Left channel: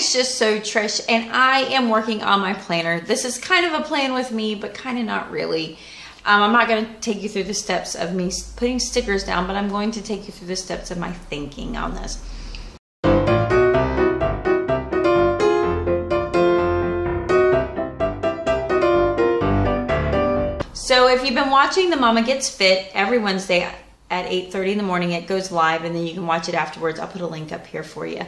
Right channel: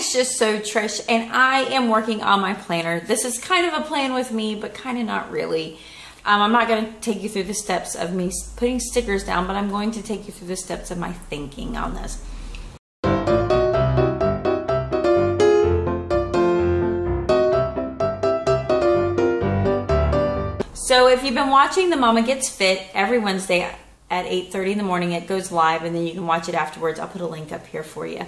it's just so Trish, and I am working on my planner. This is kind of a plan with me, but kind of not really. I'm not going to take you through the steps of me putting stickers down, but I'm going to take you through the steps of my thinking on this. So if you've been watching the Mama Gets Fit every Wednesday at 8:30 in the morning, it goes live, and then you can watch it afterwards. I'll put a link up here for you.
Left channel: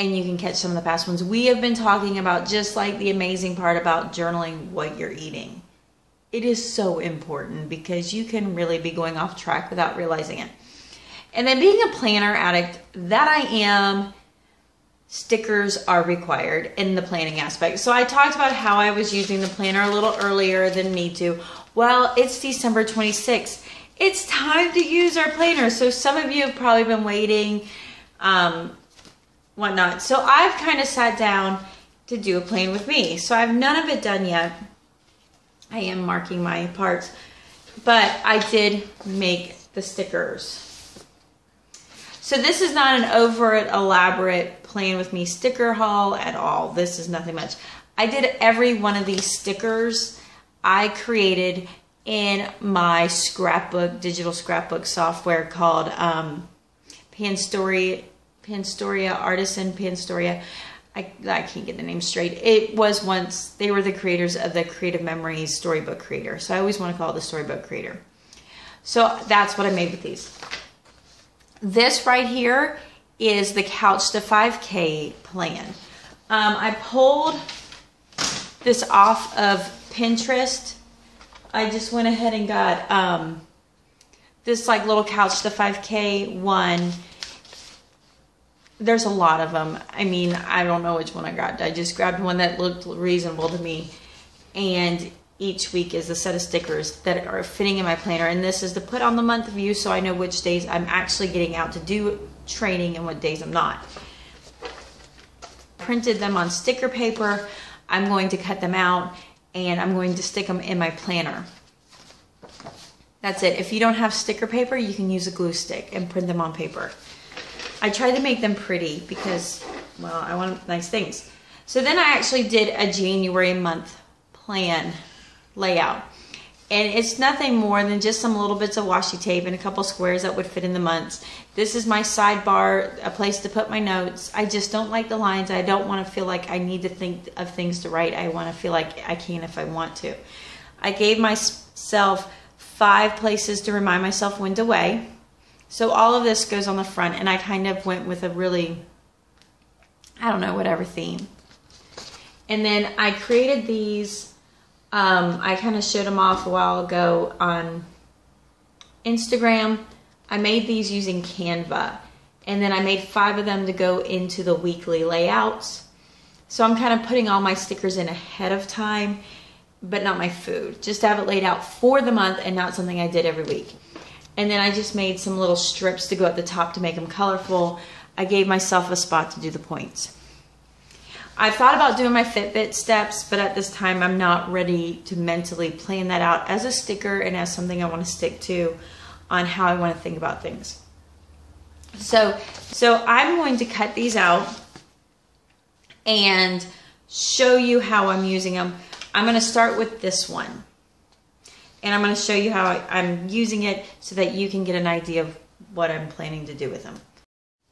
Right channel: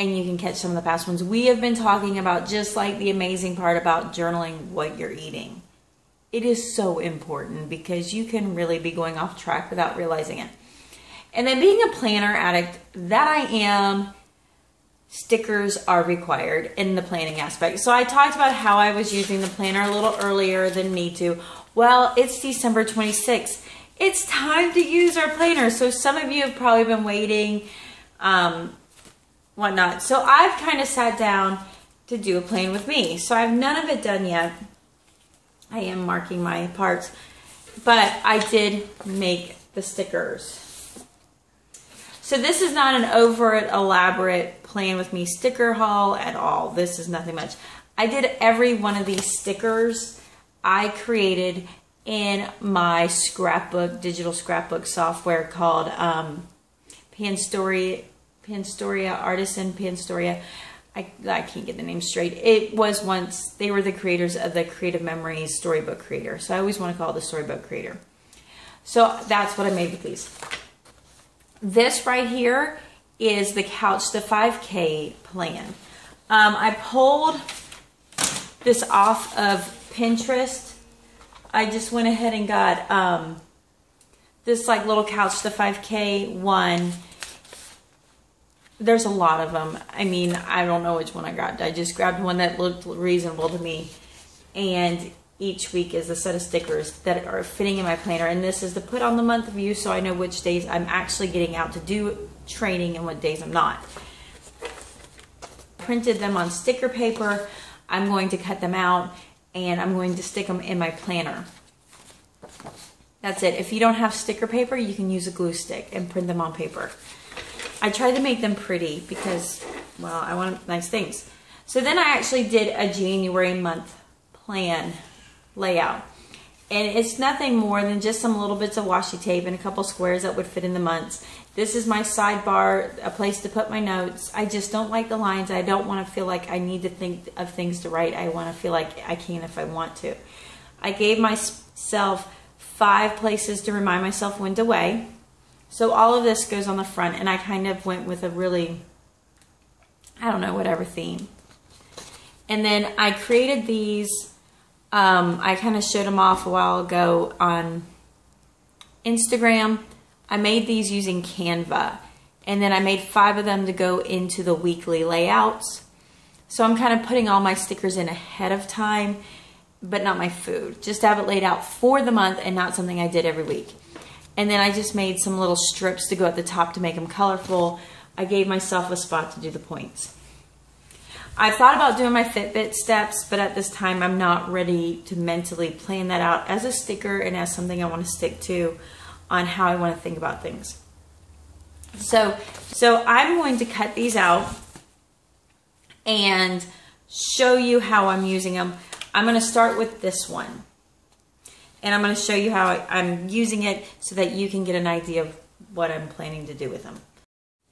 And you can catch some of the past ones. We have been talking about just like the amazing part about journaling what you're eating. It is so important because you can really be going off track without realizing it. And then being a planner addict, that I am, stickers are required in the planning aspect. So I talked about how I was using the planner a little earlier than need to. Well, it's December 26th. It's time to use our planner. So some of you have probably been waiting, whatnot. So I've kind of sat down to do a plan with me. So I have none of it done yet. I am marking my parts, but I did make the stickers. So this is not an overt, elaborate plan with me sticker haul at all. This is nothing much. I did every one of these stickers I created in my scrapbook, digital scrapbook software called Panstoria Artisan Panstoria. I can't get the name straight. It was once, they were the creators of the Creative Memories Storybook Creator. So I always want to call it the Storybook Creator. So that's what I made with these. This right here is the Couch to 5K plan. I pulled this off of Pinterest. I just went ahead and got this like little Couch to 5K one. There's a lot of them. I mean, I don't know which one I grabbed. I just grabbed one that looked reasonable to me. And each week is a set of stickers that are fitting in my planner. And this is to put on the month view so I know which days I'm actually getting out to do training and what days I'm not. Printed them on sticker paper. I'm going to cut them out and I'm going to stick them in my planner. That's it. If you don't have sticker paper, you can use a glue stick and print them on paper. I tried to make them pretty because, well, I want nice things. So then I actually did a January month plan layout. And it's nothing more than just some little bits of washi tape and a couple squares that would fit in the months. This is my sidebar, a place to put my notes. I just don't like the lines. I don't want to feel like I need to think of things to write. I want to feel like I can if I want to. I gave myself 5 places to remind myself when to weigh. So all of this goes on the front, and I kind of went with a really, I don't know, whatever theme. And then I created these, I kind of showed them off a while ago on Instagram. I made these using Canva, and then I made 5 of them to go into the weekly layouts. So I'm kind of putting all my stickers in ahead of time, but not my food. Just to have it laid out for the month and not something I did every week. And then I just made some little strips to go at the top to make them colorful. I gave myself a spot to do the points. I thought about doing my Fitbit steps, but at this time I'm not ready to mentally plan that out as a sticker and as something I want to stick to on how I want to think about things. So I'm going to cut these out and show you how I'm using them. I'm going to start with this one. And I'm going to show you how I'm using it so that you can get an idea of what I'm planning to do with them.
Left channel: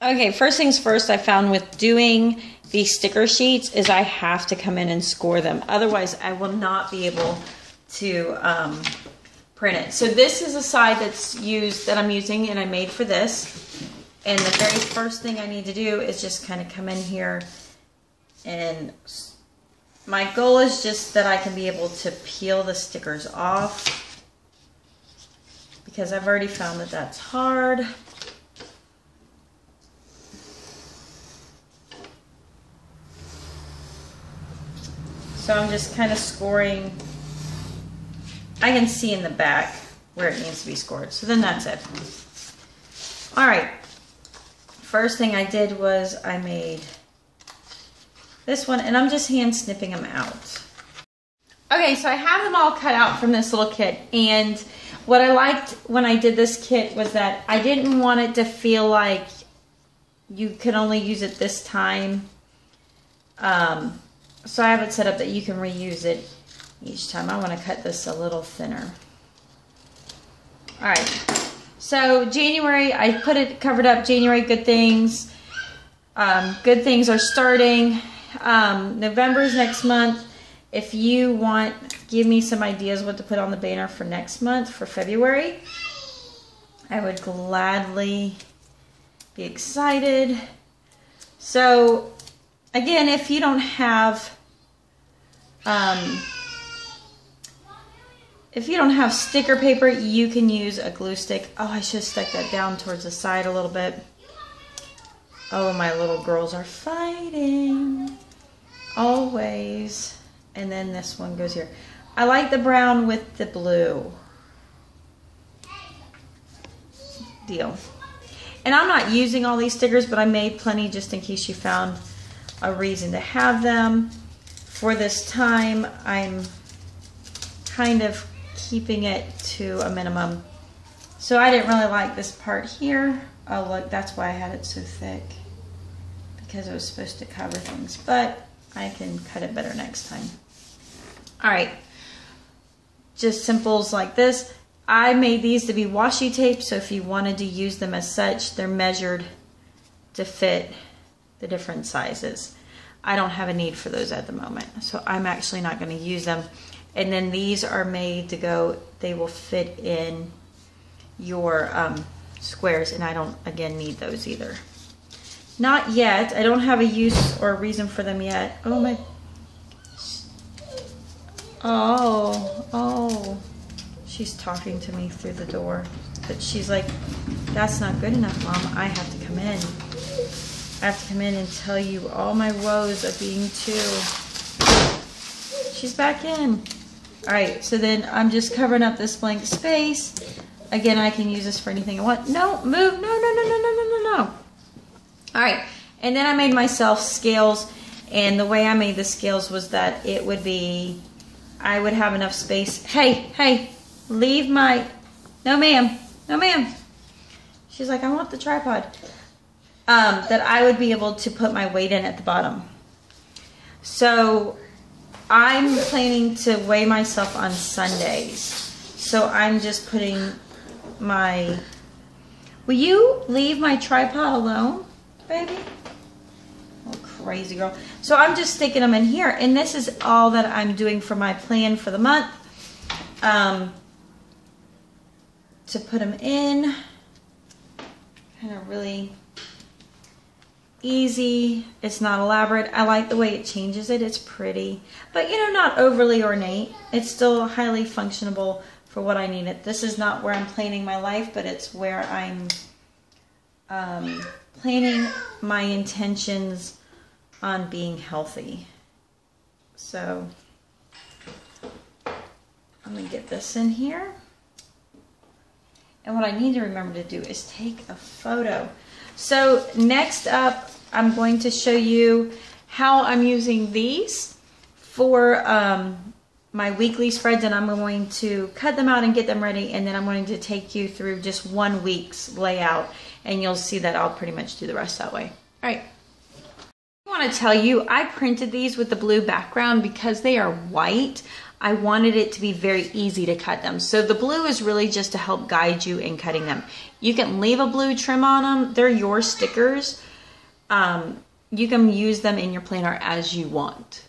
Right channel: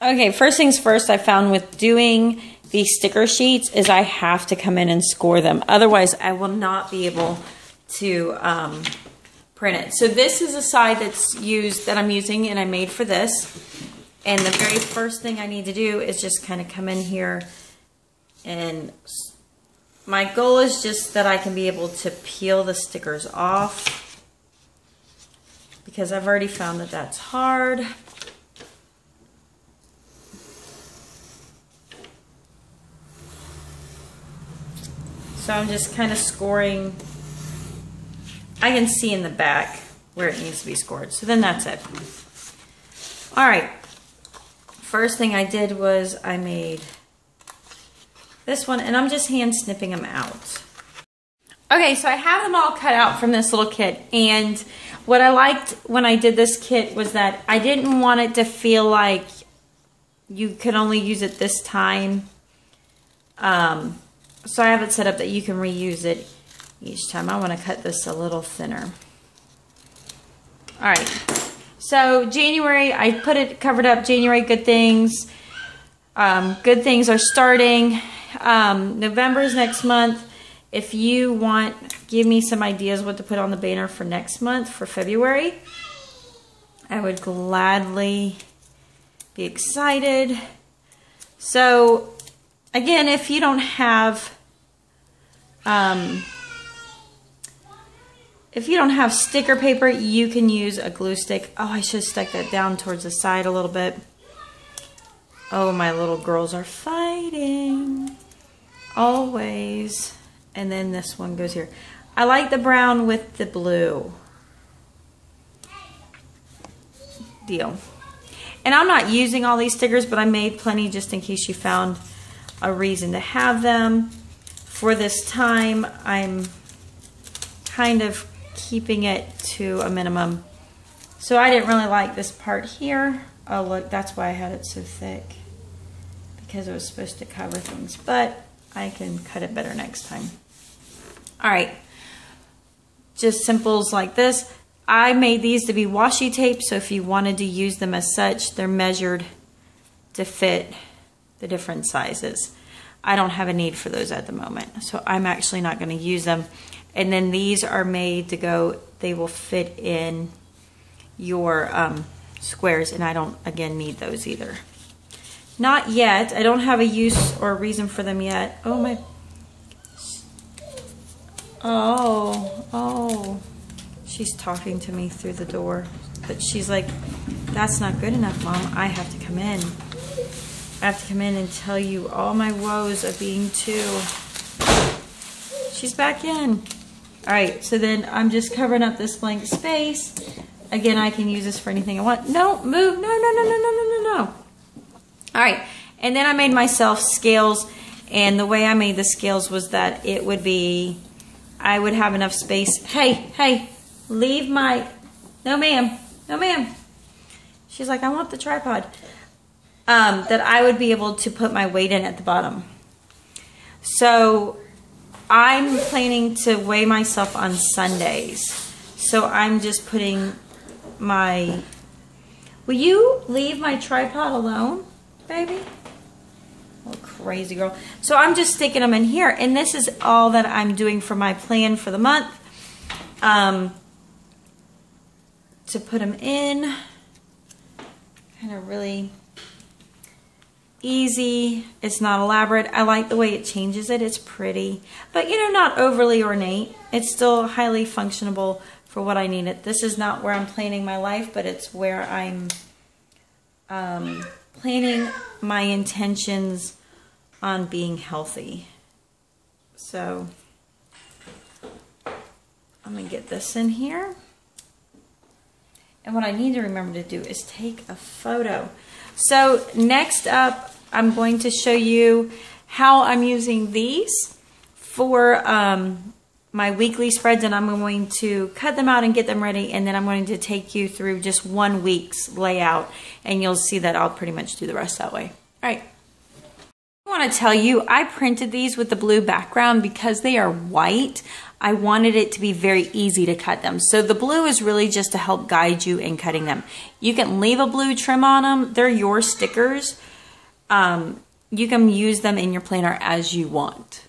Okay, first things first, I found with doing these sticker sheets is I have to come in and score them. Otherwise, I will not be able to print it. So this is a side that I'm using and I made for this. And the very first thing I need to do is just kind of come in here, and my goal is just that I can be able to peel the stickers off, because I've already found that that's hard. So I'm just kind of scoring. I can see in the back where it needs to be scored. So then that's it. All right. First thing I did was I made this one, and I'm just hand snipping them out. Okay, so I have them all cut out from this little kit, and what I liked when I did this kit was that I didn't want it to feel like you could only use it this time. So I have it set up that you can reuse it each time. I want to cut this a little thinner. All right. So January, I put it covered up. January, good things. Good things are starting. November's next month. If you want, give me some ideas what to put on the banner for next month, for February. I would gladly be excited. So again, if you don't have sticker paper, you can use a glue stick. Oh, I should have stuck that down towards the side a little bit. Oh, my little girls are fighting. Always. And then this one goes here. I like the brown with the blue. Deal. And I'm not using all these stickers, but I made plenty just in case you found a reason to have them. For this time, I'm kind of keeping it to a minimum. So I didn't really like this part here. Oh, look, that's why I had it so thick, because it was supposed to cover things, but I can cut it better next time. All right, just simples like this. I made these to be washi tape, so if you wanted to use them as such, they're measured to fit the different sizes. I don't have a need for those at the moment, so I'm actually not going to use them. And then these are made to go, they will fit in your squares, and I don't, again, need those either. Not yet. I don't have a use or a reason for them yet. Oh, my. Oh. She's talking to me through the door. But she's like, that's not good enough, Mom. I have to come in. I have to come in and tell you all my woes of being two. She's back in. All right, so then I'm just covering up this blank space. Again, I can use this for anything I want. No, move. No. All right, and then I made myself scales, and the way I made the scales was that it would be, I would have enough space. Hey, leave my, no ma'am. She's like, I want the tripod. That I would be able to put my weight in at the bottom. So I'm planning to weigh myself on Sundays. So I'm just putting my, will you leave my tripod alone, baby? Oh, crazy girl. So I'm just sticking them in here, and this is all that I'm doing for my plan for the month. To put them in, kind of really easy. It's not elaborate. I like the way it changes it. It's pretty, but you know, not overly ornate. It's still highly functionable for what I need it. This is not where I'm planning my life, but it's where I'm planning my intentions on being healthy. So I'm gonna get this in here. And what I need to remember to do is take a photo. So next up, I'm going to show you how I'm using these for my weekly spreads, and I'm going to cut them out and get them ready, and then I'm going to take you through just 1 week's layout, and you'll see that I'll pretty much do the rest that way. All right. I want to tell you, I printed these with the blue background because they are white. I wanted it to be very easy to cut them. So the blue is really just to help guide you in cutting them. You can leave a blue trim on them. They're your stickers. You can use them in your planner as you want.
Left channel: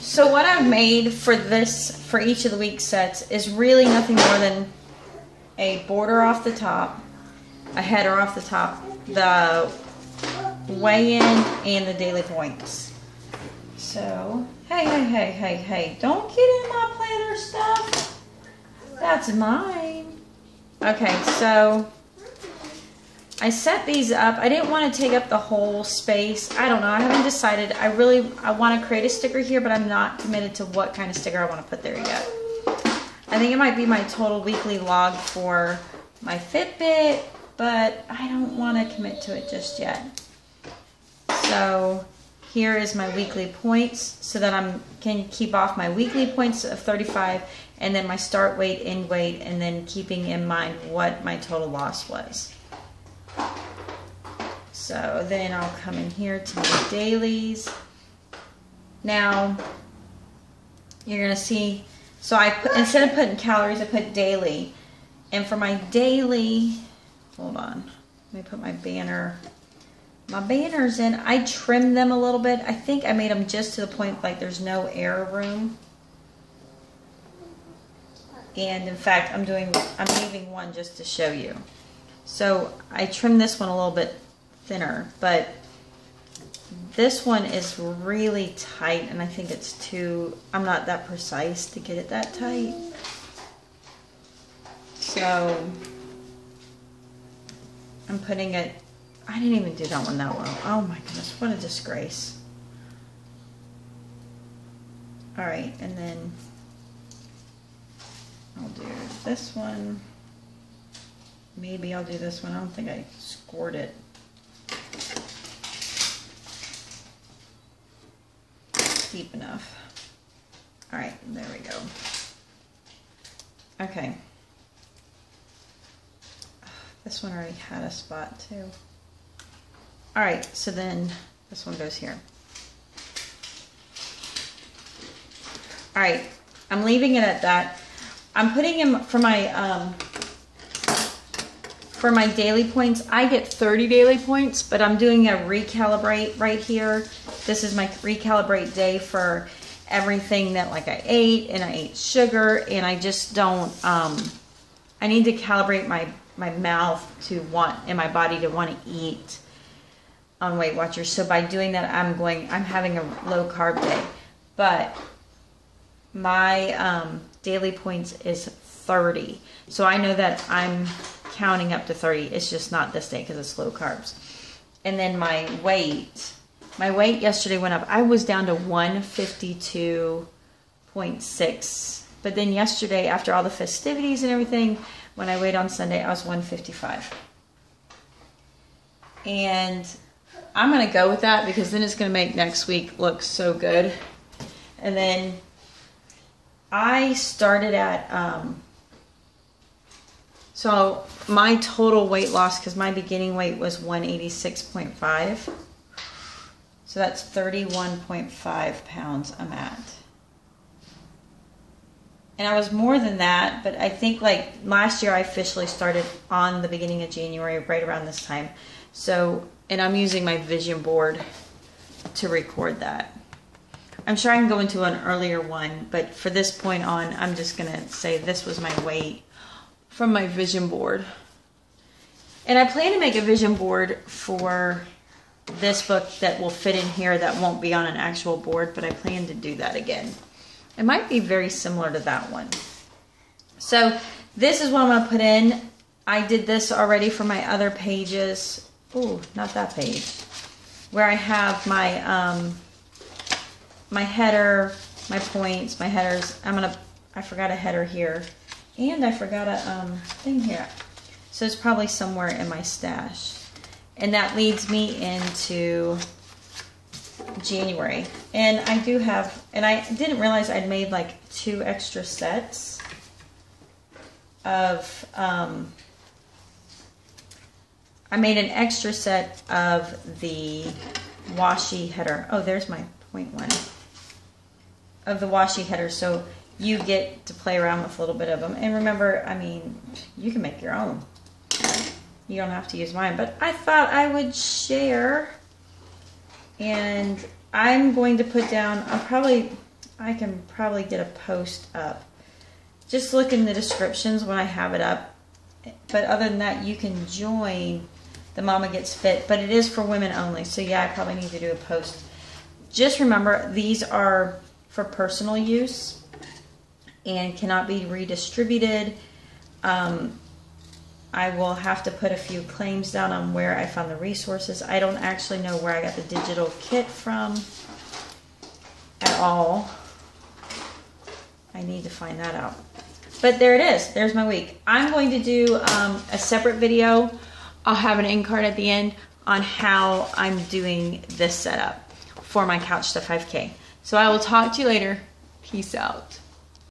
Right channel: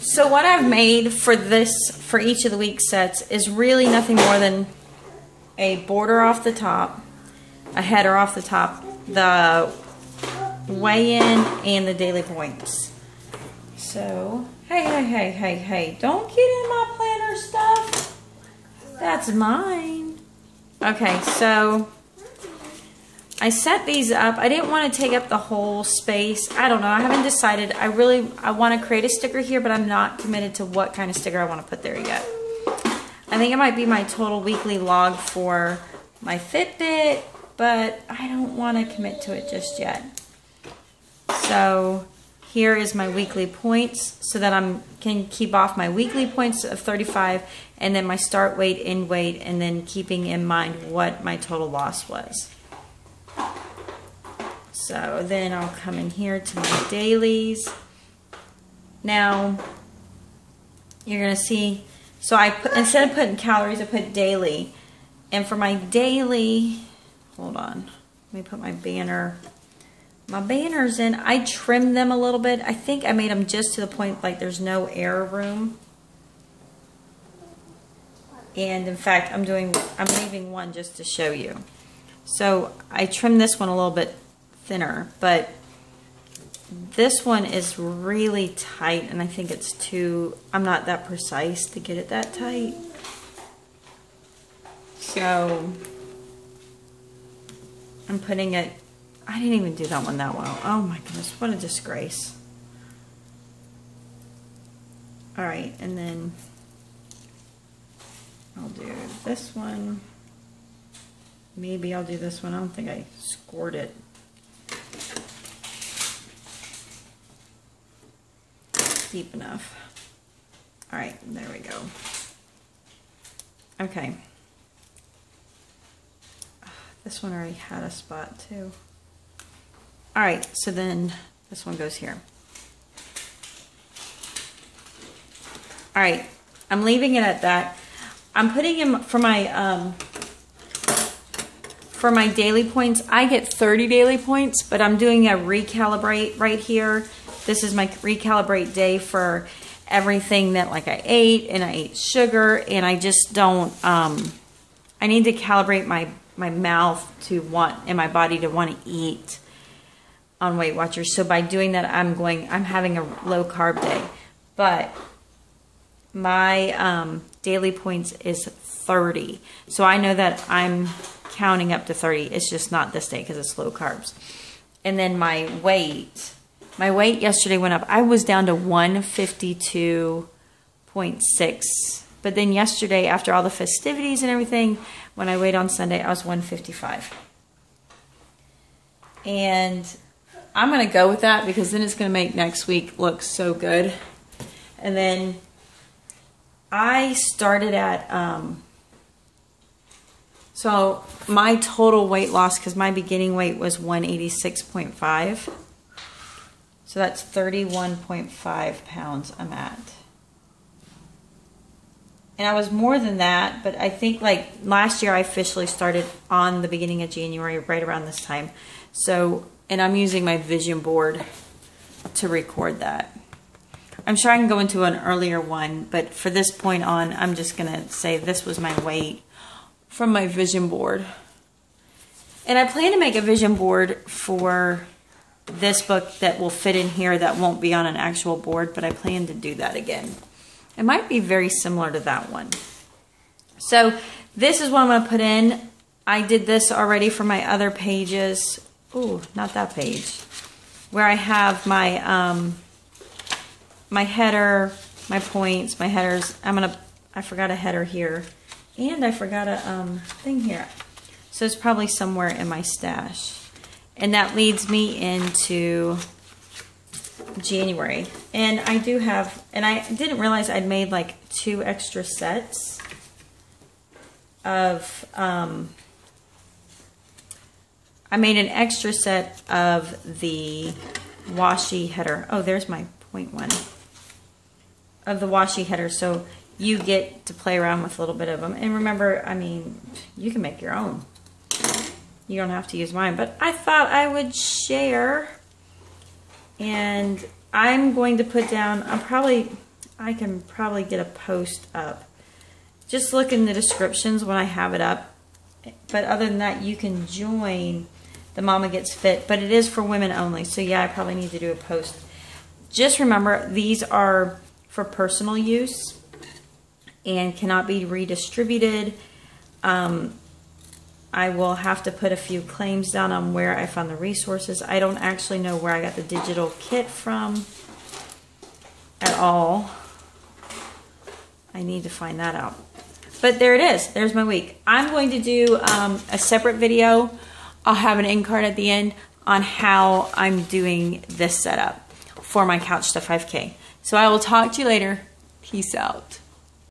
So what I've made for each of the week sets is really nothing more than a border off the top, a header off the top, the weigh-in, and the daily points. So, hey, don't get in my planner stuff. That's mine. Okay, so I set these up. I didn't want to take up the whole space. I don't know. I haven't decided. I want to create a sticker here, but I'm not committed to what kind of sticker I want to put there yet. I think it might be my total weekly log for my Fitbit, but I don't want to commit to it just yet. So here is my weekly points so that I can keep off my weekly points of 35 and then my start weight, end weight, and then keeping in mind what my total loss was. So then I'll come in here to my dailies. Now, you're gonna see, so I put, instead of putting calories, I put daily. And for my daily, hold on, let me put my banner. My banners in, I trimmed them a little bit. I think I made them just to the point like there's no air room. And in fact, I'm leaving one just to show you. So I trimmed this one a little bit thinner, but this one is really tight, and I think it's too, I'm not that precise to get it that tight. So I'm putting it, I didn't even do that one that well. Oh my goodness, what a disgrace. All right, and then I'll do this one. Maybe I'll do this one. I don't think I scored it. Deep enough. All right, there we go. Okay. This one already had a spot too. All right, so then this one goes here. All right, I'm leaving it at that. I'm putting in for my daily points. I get 30 daily points, but I'm doing a recalibrate right here. This is my recalibrate day for everything that like I ate, and I ate sugar, and I just don't, I need to calibrate my mouth to want, and my body to want to eat on Weight Watchers. So by doing that, I'm having a low carb day, but my daily points is 30. So I know that I'm counting up to 30. It's just not this day because it's low carbs. And then my weight yesterday went up. I was down to 152.6. But then yesterday, after all the festivities and everything, when I weighed on Sunday, I was 155. And I'm going to go with that because then it's going to make next week look so good. And then I started at, so my total weight loss, because my beginning weight was 186.5. So that's 31.5 pounds I'm at. And I was more than that, but I think like last year I officially started on the beginning of January, right around this time. So, and I'm using my vision board to record that. I'm sure I can go into an earlier one, but for this point on, I'm just going to say this was my weight from my vision board. And I plan to make a vision board for this book that will fit in here that won't be on an actual board, but I plan to do that again. It might be very similar to that one. So this is what I'm going to put in. I did this already for my other pages. Oh, not that page. Where I have my my header, my points, my headers. I forgot a header here. And I forgot a thing here. So it's probably somewhere in my stash. And that leads me into January. And I do have, and I didn't realize I'd made like 2 extra sets of, I made an extra set of the washi header. Oh, there's my point one. Of the washi header. So you get to play around with a little bit of them. And remember, I mean, you can make your own. You don't have to use mine, but I thought I would share. And I'm going to put down, I can probably get a post up. Just look in the descriptions when I have it up. But other than that, you can join the Mama Gets Fit, but it is for women only. So yeah, I probably need to do a post. Just remember, these are for personal use and cannot be redistributed. I will have to put a few claims down on where I found the resources. I don't actually know where I got the digital kit from at all. I need to find that out. But there it is. There's my week. I'm going to do a separate video. I'll have an end card at the end on how I'm doing this setup for my Couch to 5K. So I will talk to you later. Peace out.